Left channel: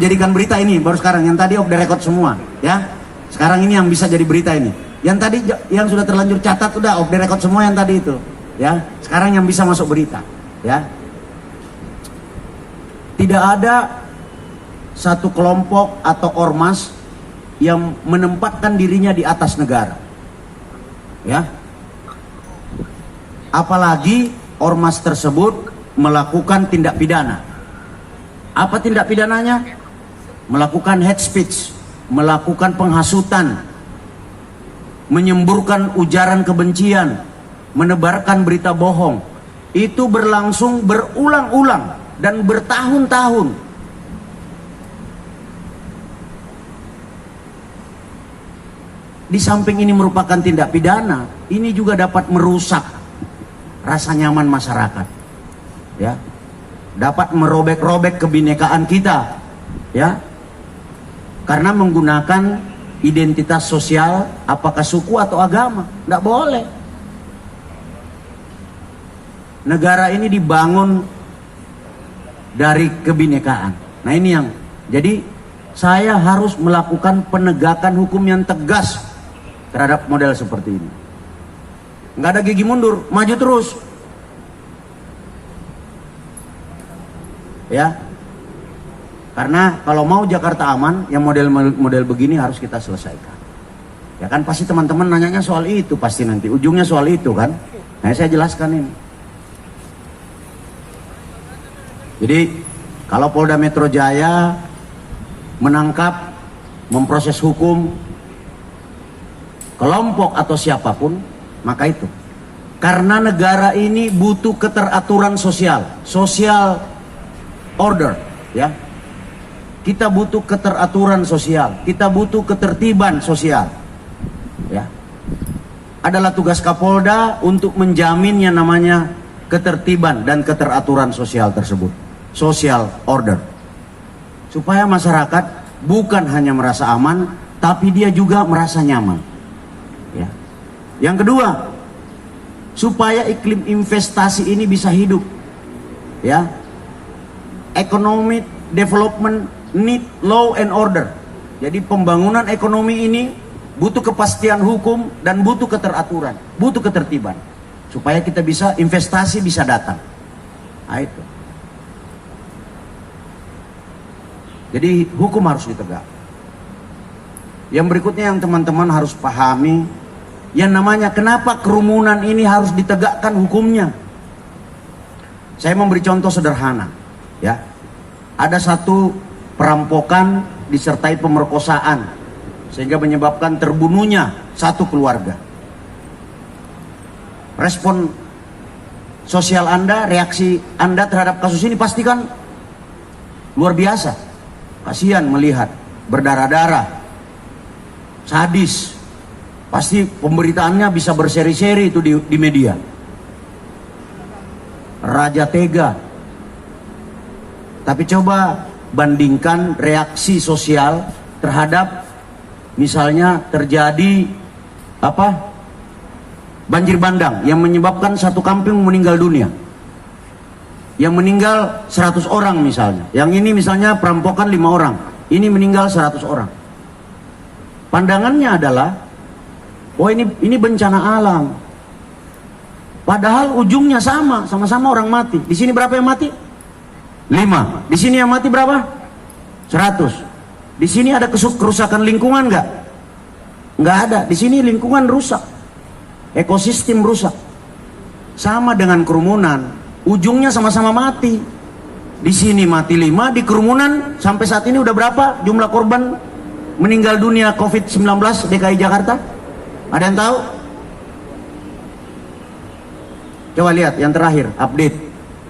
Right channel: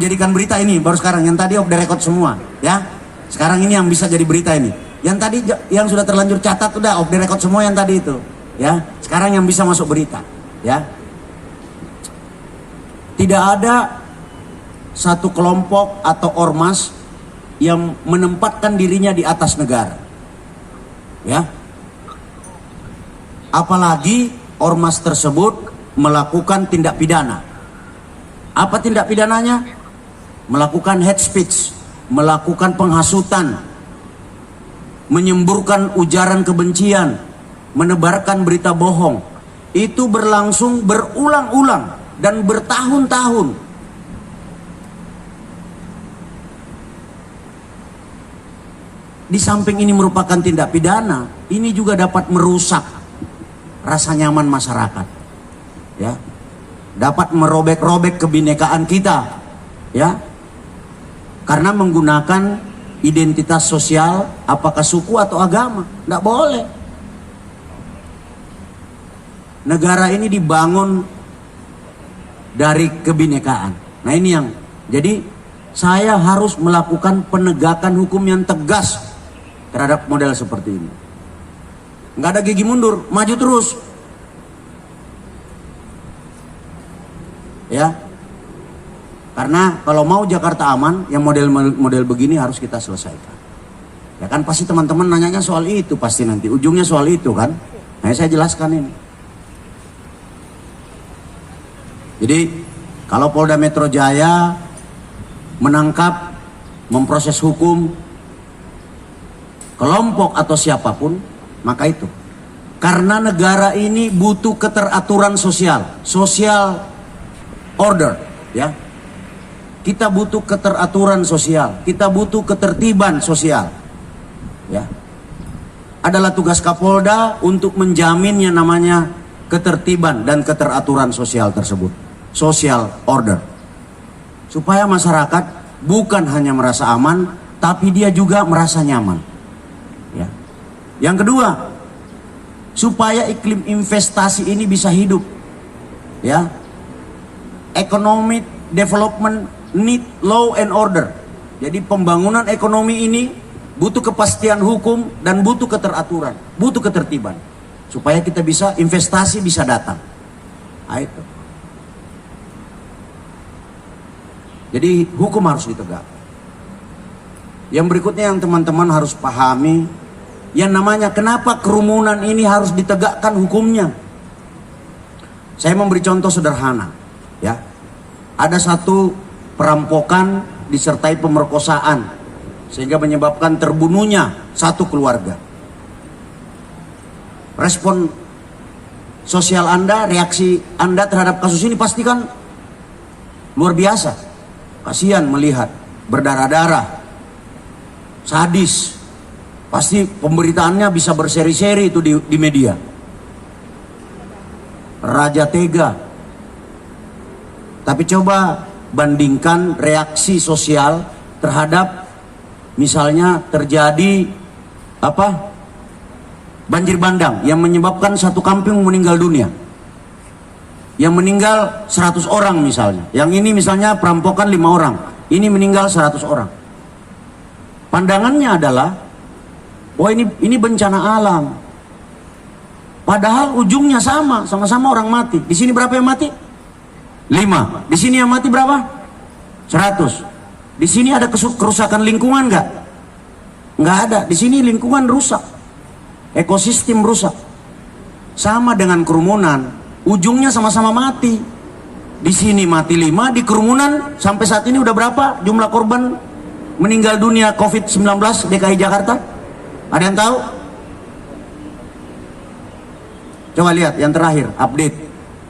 jadikan berita ini baru sekarang, yang tadi off the record semua ya. Sekarang ini yang bisa jadi berita ini. Yang tadi yang sudah terlanjur catat udah off the record semua yang tadi itu ya. Sekarang yang bisa masuk berita ya. Tidak ada satu kelompok atau ormas yang menempatkan dirinya di atas negara ya. Apalagi ormas tersebut melakukan tindak pidana. Apa tindak pidananya? Melakukan hate speech, melakukan penghasutan, menyemburkan ujaran kebencian, menebarkan berita bohong. Itu berlangsung berulang-ulang dan bertahun-tahun. Di samping ini merupakan tindak pidana, ini juga dapat merusak rasa nyaman masyarakat. Ya, dapat merobek-robek kebinekaan kita, ya, karena menggunakan identitas sosial, apakah suku atau agama, tidak boleh. Negara ini dibangun dari kebinekaan. Nah ini yang, jadi saya harus melakukan penegakan hukum yang tegas terhadap model seperti ini. Nggak ada gigi mundur, maju terus. Ya, karena kalau mau Jakarta aman, yang model begini harus kita selesaikan. Ya kan pasti teman-teman nanyanya soal itu, pasti nanti ujungnya soal itu kan. Nah saya jelaskan ini. Jadi kalau Polda Metro Jaya menangkap, memproses hukum kelompok atau siapapun, maka itu karena negara ini butuh keteraturan sosial, social order, ya. Kita butuh keteraturan sosial, kita butuh ketertiban sosial, ya. Adalah tugas Kapolda untuk menjamin yang namanya ketertiban dan keteraturan sosial tersebut, social order, supaya masyarakat bukan hanya merasa aman, tapi dia juga merasa nyaman, ya. Yang kedua, supaya iklim investasi ini bisa hidup, ya. Economic development need law and order. Jadi pembangunan ekonomi ini butuh kepastian hukum dan butuh keteraturan, butuh ketertiban, supaya kita bisa investasi bisa datang. Nah, itu. Jadi hukum harus ditegakkan. Yang berikutnya yang teman-teman harus pahami, yang namanya kenapa kerumunan ini harus ditegakkan hukumnya. Saya memberi contoh sederhana, ya. Ada satu perampokan disertai pemerkosaan sehingga menyebabkan terbunuhnya satu keluarga. Respon sosial Anda, reaksi Anda terhadap kasus ini pasti kan luar biasa. Kasihan melihat berdarah-darah, sadis. Pasti pemberitaannya bisa berseri-seri itu di media. Raja tega. Tapi coba bandingkan reaksi sosial terhadap misalnya terjadi banjir bandang yang menyebabkan satu kampung meninggal dunia. Yang meninggal 100 orang misalnya. Yang ini misalnya perampokan 5 orang. Ini meninggal 100 orang. Pandangannya adalah, wah ini bencana alam. Padahal ujungnya sama-sama orang mati. Di sini berapa yang mati? 5. Di sini yang mati berapa? 100. Di sini ada kerusakan lingkungan nggak? Nggak ada. Di sini lingkungan rusak, ekosistem rusak. Sama dengan kerumunan, ujungnya sama-sama mati. Di sini mati 5, di kerumunan sampai saat ini udah berapa jumlah korban meninggal dunia COVID-19 DKI Jakarta? Ada yang tahu? Coba lihat yang terakhir update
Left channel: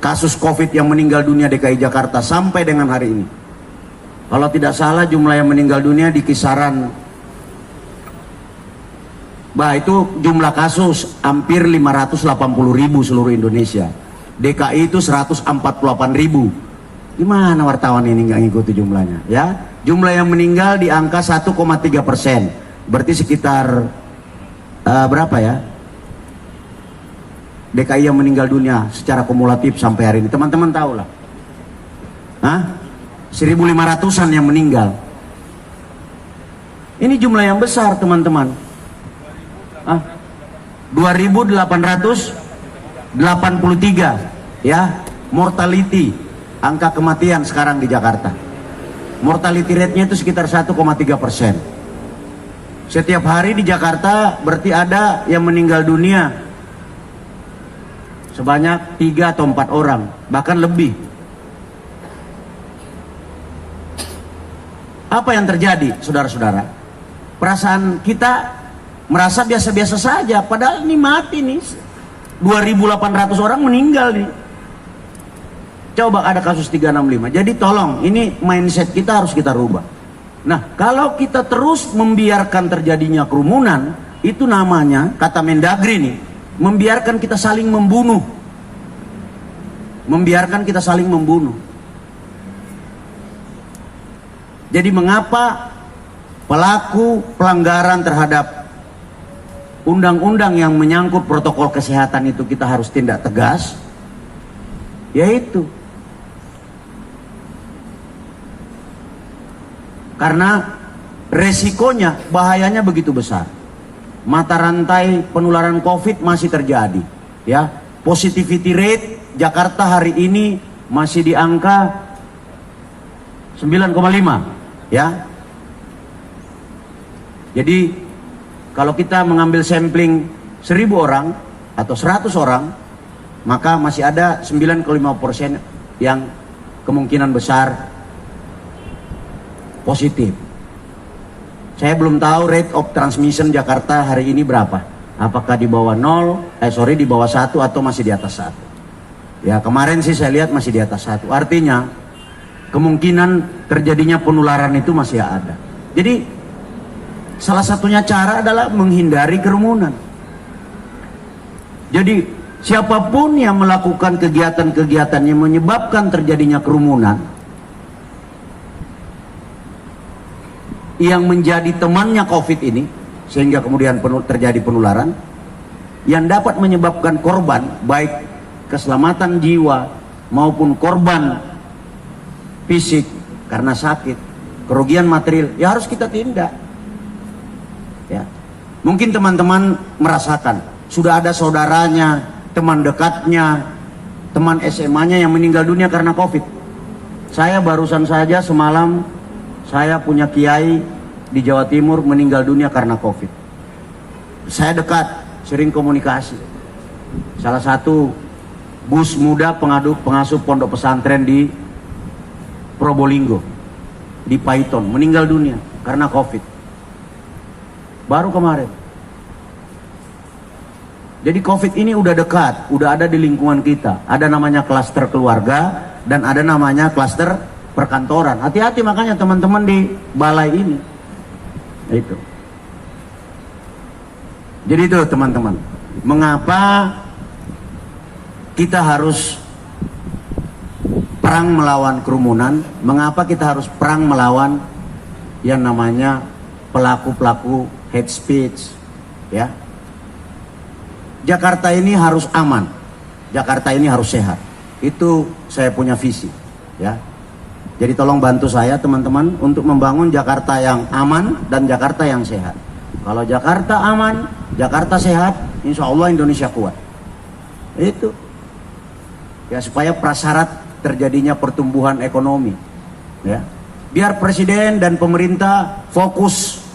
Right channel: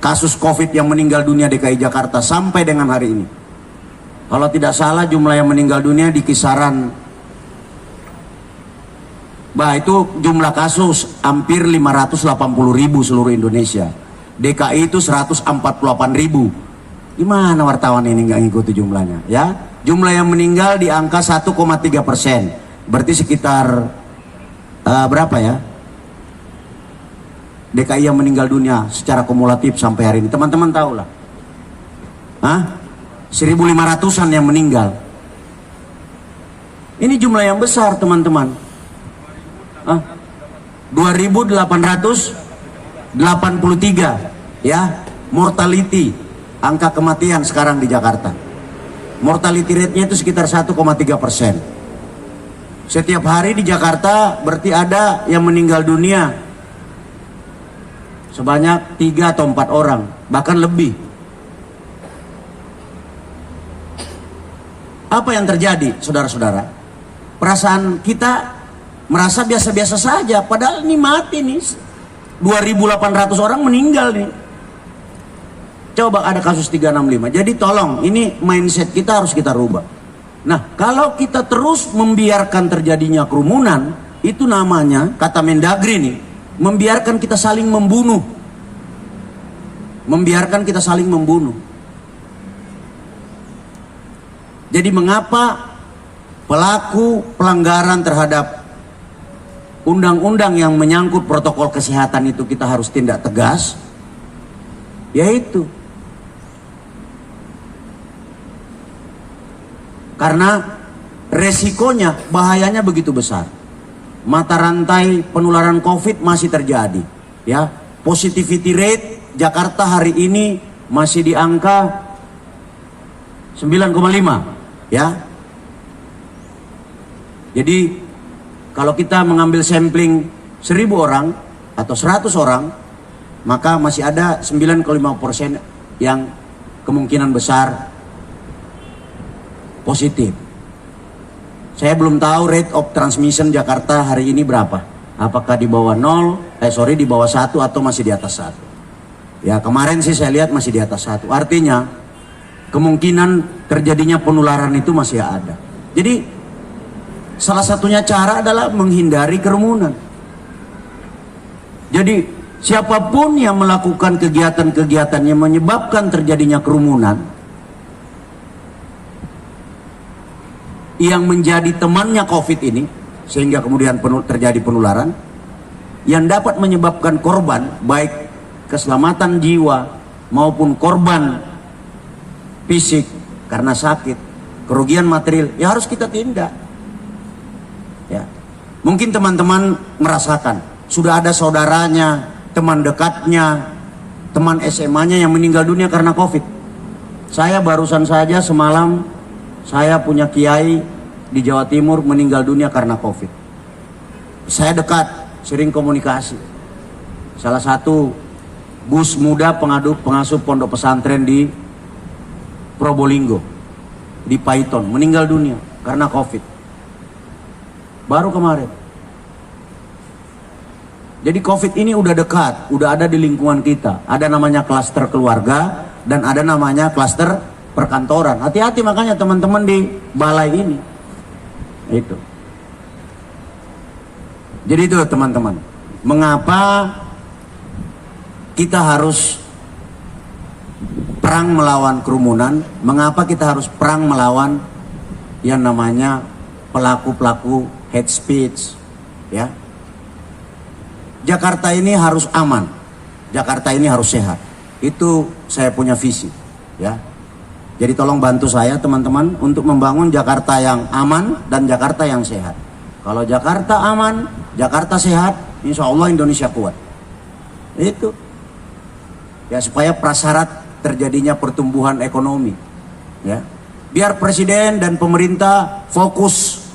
kasus COVID yang meninggal dunia DKI Jakarta sampai dengan hari ini. Kalau tidak salah jumlah yang meninggal dunia di kisaran, itu jumlah kasus hampir 580.000 seluruh Indonesia. DKI itu 148.000. Gimana wartawan ini nggak ngikuti jumlahnya? Ya, jumlah yang meninggal di angka 1,3%. Berarti sekitar berapa ya? DKI yang meninggal dunia secara kumulatif sampai hari ini, teman-teman tahu lah. 1.500-an yang meninggal. Ini jumlah yang besar, teman-teman. 2.883 ya mortality, angka kematian sekarang di Jakarta. Mortality rate-nya itu sekitar 1,3%. Setiap hari di Jakarta berarti ada yang meninggal dunia sebanyak 3 atau 4 orang, bahkan lebih. Apa yang terjadi, saudara-saudara? Perasaan kita merasa biasa-biasa saja, padahal ini mati nih. 2.800 orang meninggal nih. Coba ada kasus 365. Jadi tolong, ini mindset kita harus kita rubah. Nah, kalau kita terus membiarkan terjadinya kerumunan, itu namanya, kata Mendagri nih, membiarkan kita saling membunuh. Membiarkan kita saling membunuh. Jadi mengapa pelaku pelanggaran terhadap undang-undang yang menyangkut protokol kesehatan itu kita harus tindak tegas? Yaitu karena resikonya, bahayanya begitu besar. Mata rantai penularan COVID masih terjadi, ya. Positivity rate Jakarta hari ini masih di angka 9,5, ya. Jadi kalau kita mengambil sampling 1.000 orang atau 100 orang, maka masih ada 9,5% yang kemungkinan besar positif. Saya belum tahu rate of transmission Jakarta hari ini berapa. Apakah di bawah 0, di bawah 1 atau masih di atas 1. Ya, kemarin sih saya lihat masih di atas 1. Artinya kemungkinan terjadinya penularan itu masih ada. Jadi salah satunya cara adalah menghindari kerumunan. Jadi siapapun yang melakukan kegiatan-kegiatan yang menyebabkan terjadinya kerumunan, yang menjadi temannya COVID ini, sehingga kemudian terjadi penularan, yang dapat menyebabkan korban, baik keselamatan jiwa maupun korban fisik karena sakit, kerugian material, ya harus kita tindak. Ya. Mungkin teman-teman merasakan, sudah ada saudaranya, teman dekatnya, teman SMA-nya yang meninggal dunia karena COVID. Saya barusan saja semalam, saya punya kiai di Jawa Timur meninggal dunia karena COVID. Saya dekat, sering komunikasi. Salah satu bus muda pengasuh pondok pesantren di Probolinggo, di Paiton, meninggal dunia karena COVID. Baru kemarin. Jadi COVID ini udah dekat, udah ada di lingkungan kita. Ada namanya klaster keluarga dan ada namanya klaster perkantoran. Hati-hati makanya teman-teman di balai ini. Itu. Jadi itu teman-teman. Mengapa kita harus perang melawan kerumunan? Mengapa kita harus perang melawan yang namanya pelaku-pelaku hate speech, ya? Jakarta ini harus aman, Jakarta ini harus sehat. Itu saya punya visi, ya. Jadi tolong bantu saya teman-teman untuk membangun Jakarta yang aman dan Jakarta yang sehat. Kalau Jakarta aman, Jakarta sehat, insya Allah Indonesia kuat. Itu, ya, supaya prasyarat terjadinya pertumbuhan ekonomi, ya. Biar presiden dan pemerintah fokus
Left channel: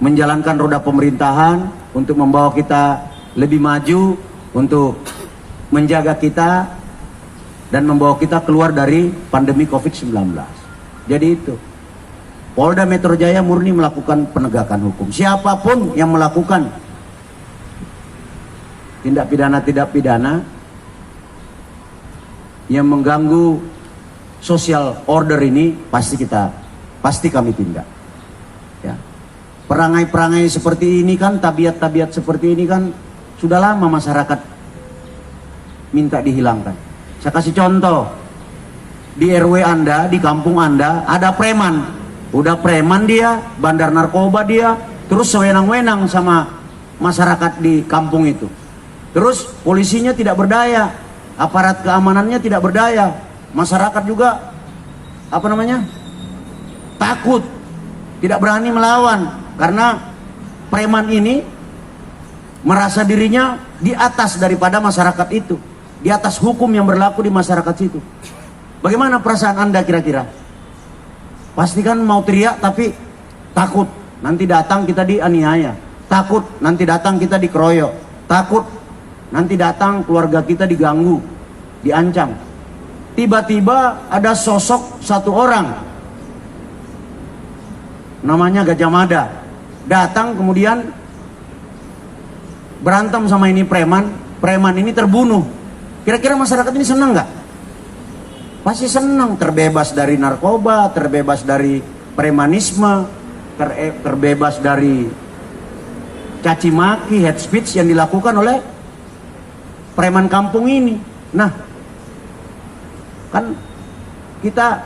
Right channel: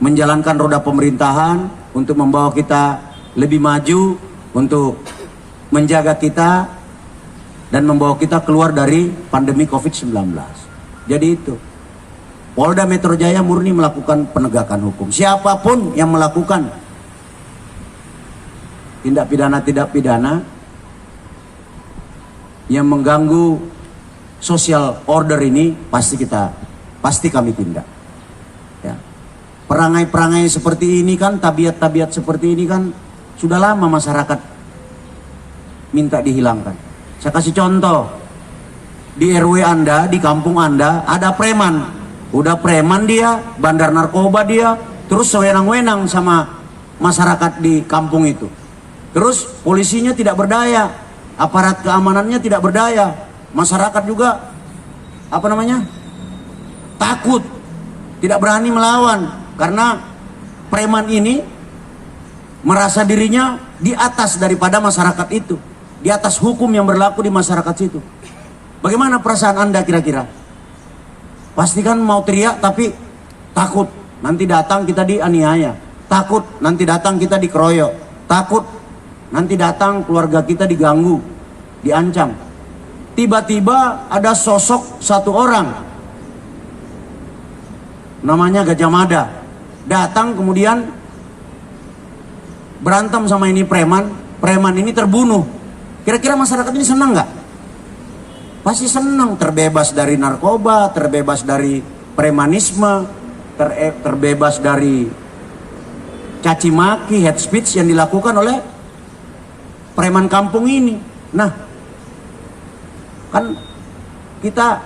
menjalankan roda pemerintahan untuk membawa kita lebih maju, untuk menjaga kita dan membawa kita keluar dari pandemi COVID-19. Jadi itu, Polda Metro Jaya murni melakukan penegakan hukum. Siapapun yang melakukan tindak pidana yang mengganggu social order ini, pasti kami tindak. Ya. Perangai-perangai seperti ini kan, tabiat-tabiat seperti ini kan sudah lama masyarakat minta dihilangkan. Saya kasih contoh, di RW Anda, di kampung Anda ada preman. Udah preman dia, bandar narkoba dia, terus sewenang-wenang sama masyarakat di kampung itu. Terus polisinya tidak berdaya, aparat keamanannya tidak berdaya, masyarakat juga takut, tidak berani melawan, karena preman ini merasa dirinya di atas daripada masyarakat itu, di atas hukum yang berlaku di masyarakat situ. Bagaimana perasaan Anda kira-kira? Pasti kan mau teriak tapi takut nanti datang kita dianiaya, takut nanti datang kita dikeroyok, takut nanti datang keluarga kita diganggu, diancam. Tiba-tiba ada sosok satu orang namanya Gajah Mada datang, kemudian berantem sama ini preman ini terbunuh. Kira-kira masyarakat ini senang nggak? Pasti senang, terbebas dari narkoba, terbebas dari premanisme, terbebas dari caci maki, hate speech yang dilakukan oleh preman kampung ini. Nah, kan kita,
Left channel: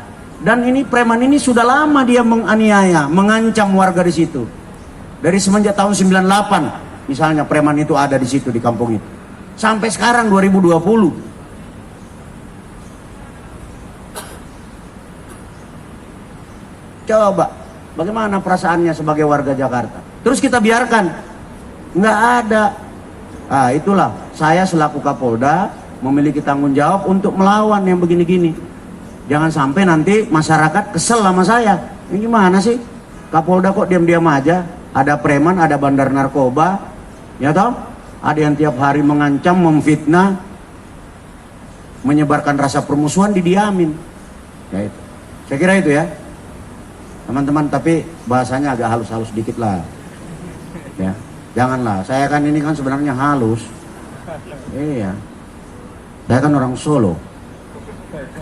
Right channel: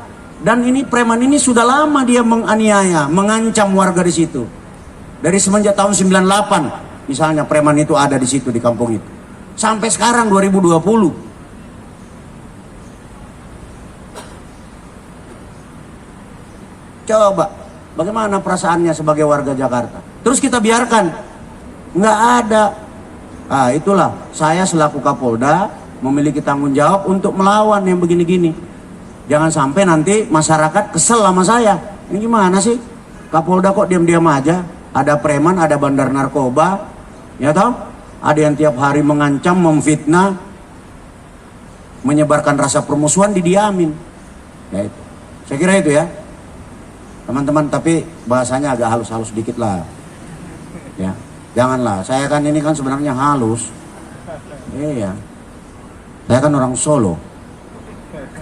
dan ini preman ini sudah lama dia menganiaya, mengancam warga di situ. Dari semenjak tahun 98 misalnya preman itu ada di situ di kampung itu. Sampai sekarang 2020. Coba, bagaimana perasaannya sebagai warga Jakarta? Terus kita biarkan, nggak ada. Ah, itulah saya selaku Kapolda memiliki tanggung jawab untuk melawan yang begini-gini. Jangan sampai nanti masyarakat kesel sama saya. Ini gimana sih? Kapolda kok diam-diam aja? Ada preman, ada bandar narkoba, ya tahu? Ada yang tiap hari mengancam, memfitnah, menyebarkan rasa permusuhan, didiamin. Nah itu, saya kira itu ya. Teman-teman, tapi bahasanya agak halus-halus dikit lah. Ya, janganlah. Saya kan ini kan sebenarnya halus. Iya. Saya kan orang Solo.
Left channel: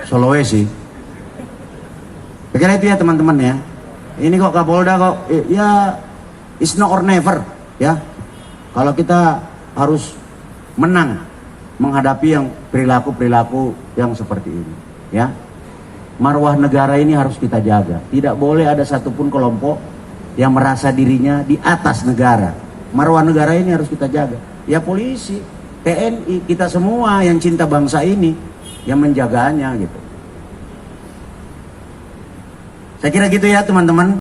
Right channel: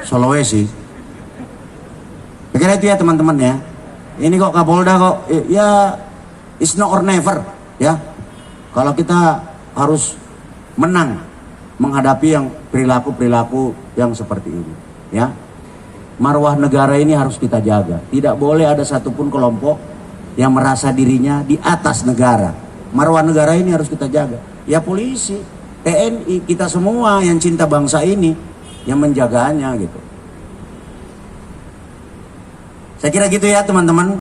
Sulawesi. Pikir itu ya teman-teman ya. Ini kok Kapolda kok ya it's now or never ya. Kalau kita harus menang menghadapi yang perilaku-perilaku yang seperti ini ya. Marwah negara ini harus kita jaga. Tidak boleh ada satupun kelompok yang merasa dirinya di atas negara. Marwah negara ini harus kita jaga. Ya polisi, TNI, kita semua yang cinta bangsa ini yang menjaganya gitu. Saya kira gitu ya teman-teman.